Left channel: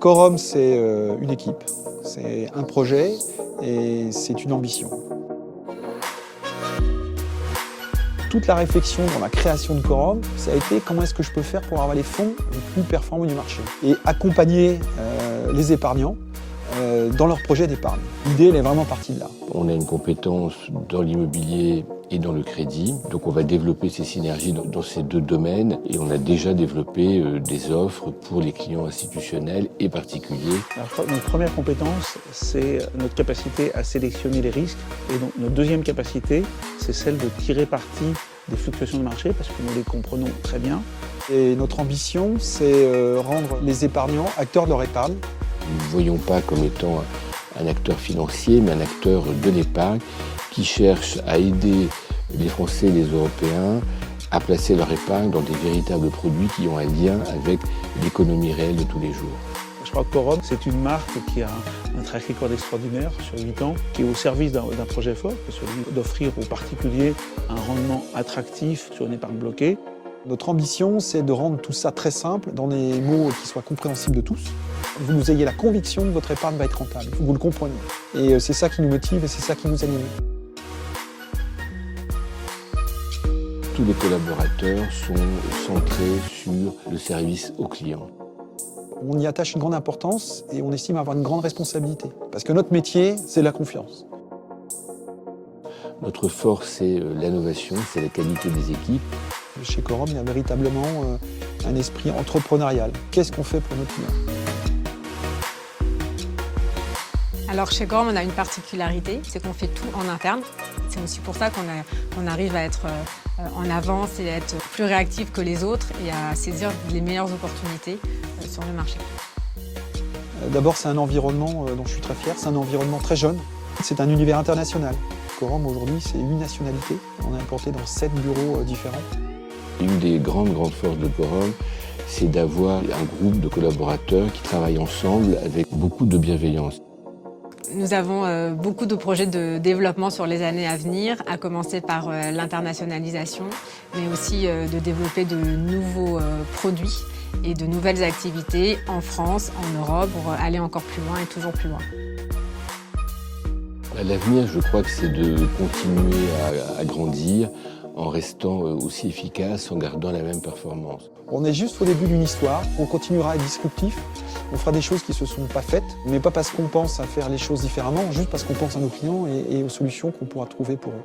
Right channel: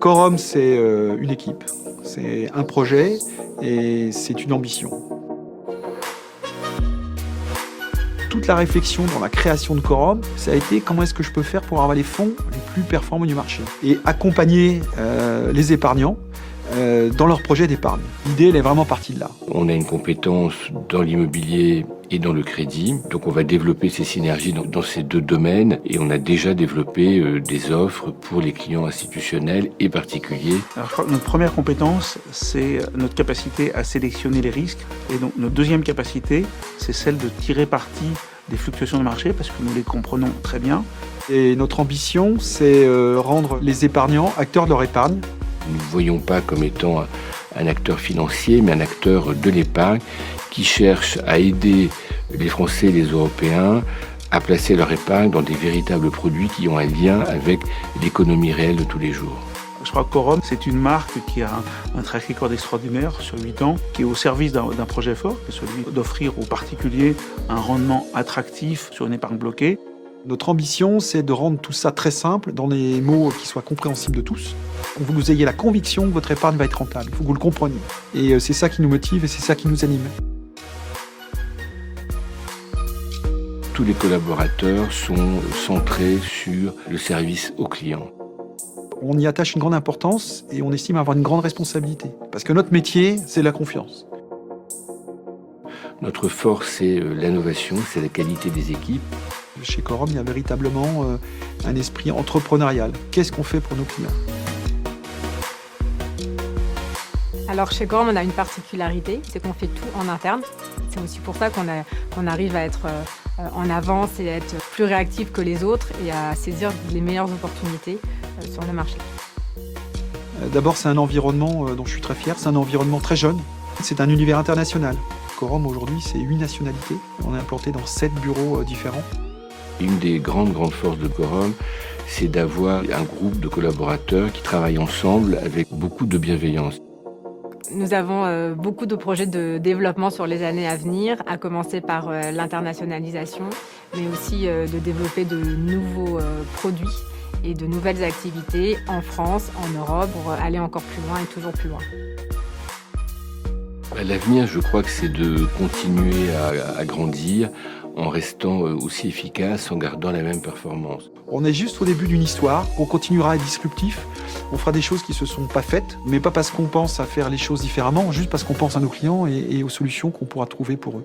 Quorum, c'est une équipe, c'est un projet et c'est une ambition. Toute la réflexion dans la création de Quorum, ça a été comment est-ce que je peux faire pour avoir les fonds les plus performants du marché et accompagner les épargnants dans leur projet d'épargne. L'idée, elle est vraiment partie de là. On a une compétence dans l'immobilier et dans le crédit, donc on va développer ces synergies dans ces deux domaines et on a déjà développé des offres pour les clients institutionnels et particuliers. Alors, je crois que notre première compétence, c'est notre capacité à sélectionner les risques. Et donc, notre deuxième capacité, c'est celle de tirer parti des fluctuations de marché, parce que nous les comprenons très bien. Et notre ambition, c'est rendre les épargnants acteurs de leur épargne. Nous ne nous voyons pas comme étant un acteur financier, mais un acteur de l'épargne qui cherche à aider les Français et les Européens à placer leur épargne dans des véritables produits qui ont un lien avec l'économie réelle de tous les jours. Je crois que Quorum, c'est une marque qui a un track record extraordinaire sur 8 ans, qui est au service d'un projet fort, qui est celui d'offrir aux particuliers un rendement attractif sur une épargne bloquée. Notre ambition, c'est de rendre tout ça très simple, dans des mots qui soient compréhensibles de tous. Vous ayez la conviction que votre épargne va être rentable, il faut que vous le compreniez. Et c'est ça qui nous motive et c'est ça qui nous anime. Tous les collaborateurs sont centrés sur le service aux clients. On y attache une grande importance et on estime avoir une grande responsabilité. Parce que notre métier, c'est la confiance. Notre force, c'est l'innovation, c'est la qualité des équipes. Chez Quorum, il y a véritablement un esprit entrepreneurial. Qu'est-ce qu'on fait pour nos clients ? Alors chez Quorum, on a une particularité, c'est qu'on fait tout en interne. C'est aussi pour ça qu'on arrive à être en avance et à être plus réactif que les autres et à saisir les meilleures opportunités sur le marché. D'abord, c'est un environnement dont je suis très fier. C'est un environnement très jeune. C'est un univers international. Quorum, aujourd'hui, c'est 8 nationalités. On est implanté dans 7 bureaux différents. Une des grandes forces de Quorum, c'est d'avoir un groupe de collaborateurs qui travaillent ensemble avec beaucoup de bienveillance. Nous avons beaucoup de projets de développement sur les années à venir, à commencer par l'internationalisation, mais aussi de développer de nouveaux produits et de nouvelles activités en France, en Europe, pour aller encore plus loin et toujours plus loin. À l'avenir, je crois que c'est de continuer à grandir en restant aussi efficace, en gardant la même performance. On est juste au début d'une histoire, on continuera à être disruptif, on fera des choses qui ne se sont pas faites, mais pas parce qu'on pense à faire les choses différemment, juste parce qu'on pense à nos clients et aux solutions qu'on pourra trouver pour eux.